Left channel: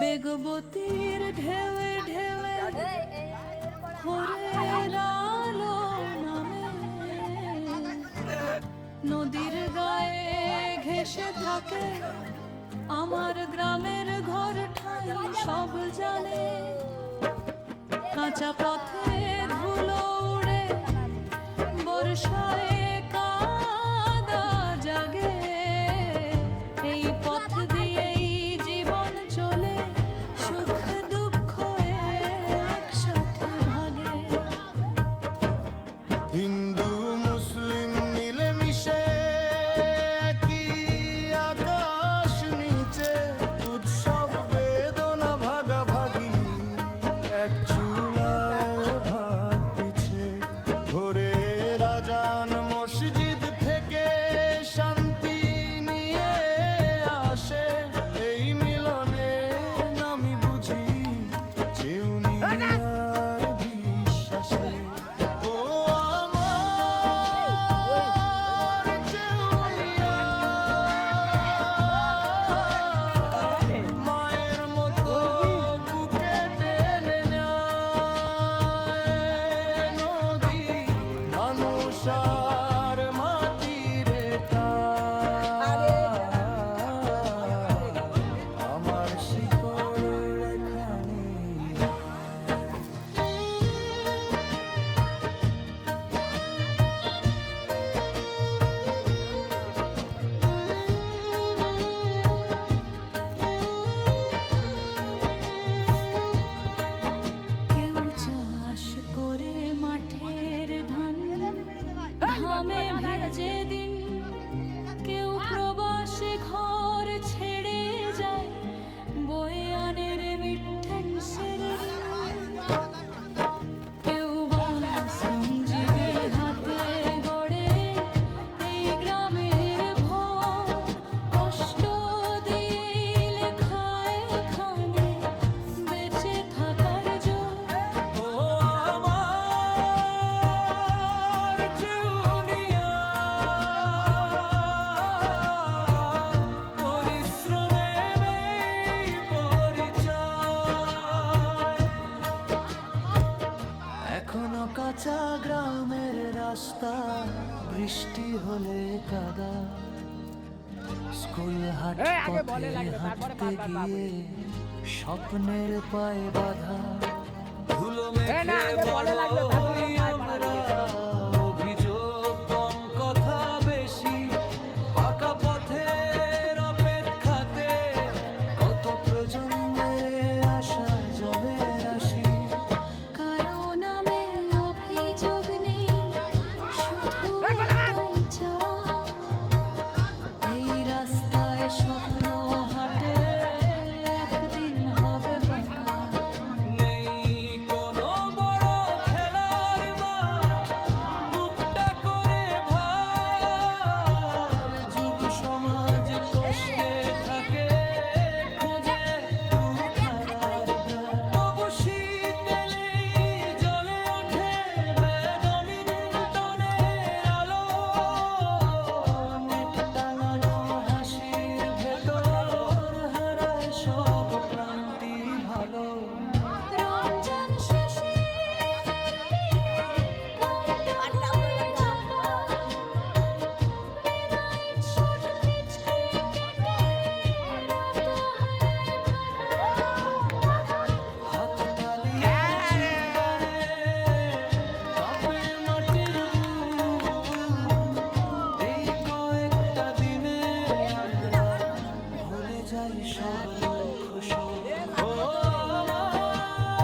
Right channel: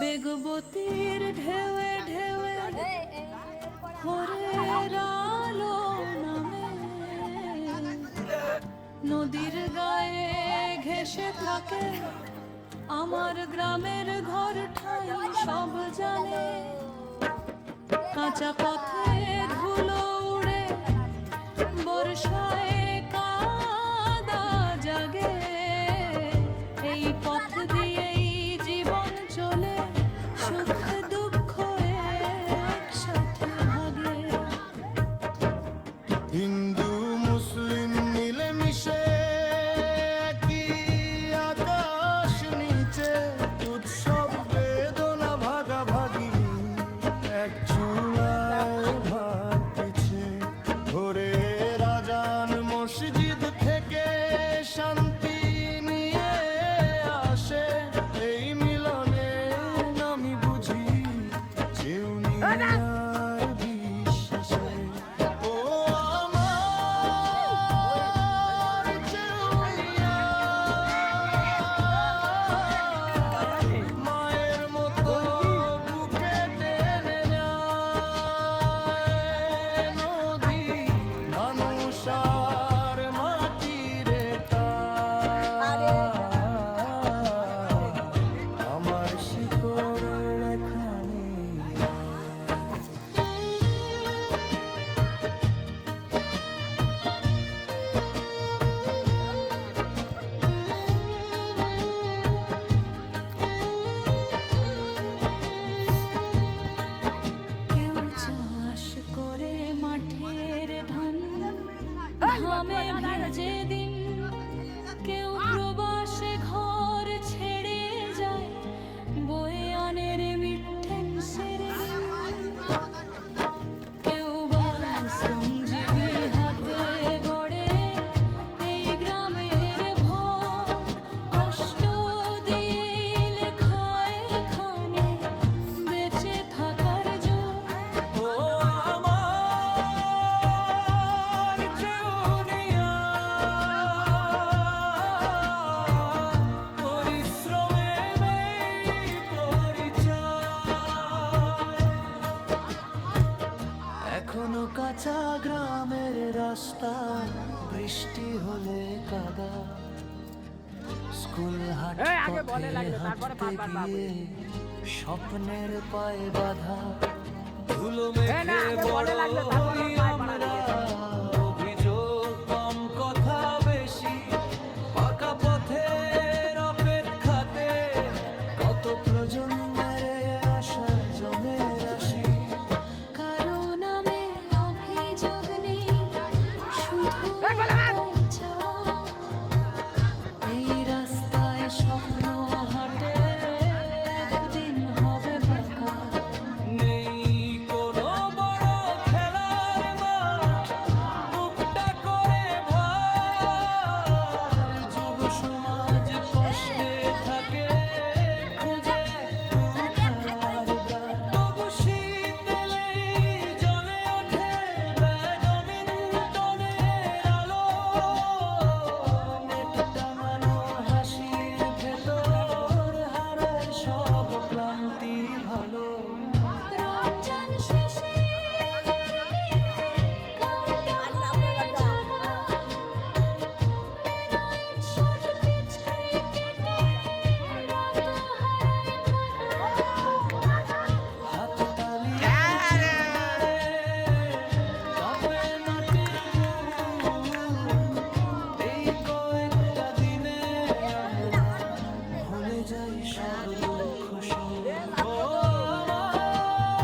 বেগবতীর ঢেউয়ে ঢেউয়ে ভোরের আলো নামে, নদীর গায়ে ঘেঁষে থাকে আমার গ্রামের ঘর ঠাই সব জানে। কাঁচা পথে ধুলো উড়ে বর্ষায় কাদা জাগে, এই পথ দিয়েই জীবন চলে, সুখ দুঃখ একসাথে ভাগে। হিন্দু মুসলিম মিলেমিশে কি আকাশ নিচে, উৎসব বেদনা ভাগাভাগি এক চুলায় ভাত পিছে। ভোরের আজান মসজিদ থেকে শান্তি নিয়ে আসে, এই মিলনের নামই বুঝি চেউনিয়ার বিশ্বাসে। ও আমার চেউনিয়া, মায়ের মতো বুকে টেনে নেয় নদী, মানুষ আর মাটির আমার শিকড় এখানে। কেউ চাষ করে মাঠের ধান ঘামে ভেজে দিন, কেউ প্রবাসে ঘর ছেড়ে যায় বয়ে আনে রেমিটেন্সের ঋণ। কেউ বা শ্রমজীবী হাতে গড়ে এই গ্রামের ভর, কষ্ট দিয়ে লেখায় এখানে বেঁচে থাকার জোর। ও আমার চেউনিয়া, পরিশ্রমে পরিচয়। এখনো কাঁচা গ্রামের রাস্তা, বৃষ্টি হলে কাদা, স্কুল হাট পথে হাঁটতে গিয়ে স্বপ্নের পায়ে বাধা। ধুলো মেখে বড় হই আমরা, অভিযোগ কম কথা বেশি, পাকা পথের অপেক্ষাতে কত প্রজন্মের আশা জমে রাশি। কারো নামে অভিযোগ নেই, শুধু একটাই চাওয়া, এই রাস্তায় স্বপ্ন হাঁটে একদিন হবে পাকা। নেই কোনো বড় খেলার মাঠ, বুকটা করে ভার, যুব সমাজ কষ্টে থাকে খুঁজে একটু খেলার ব্রার। তবু শীতেলেই জ্বলে ওঠে ব্যাডমিন্টনের আলো, নেট টাঙানো হাসির ভেতর হারায় সব ক্লান্তি ভালো। রমজান শেষে ঈদের দিনে ঘুমটা হয়ে জাগা, ডে নাইট শর্ট পিচ ক্রিকেটে রাত হারায় ভাগা। হাত তালি আর চিৎকারে কাঁপে মাটির বুক, এই কয়েকটা দিনে আমরা ভুলে যাই সব দুঃখ শোক। ও আমার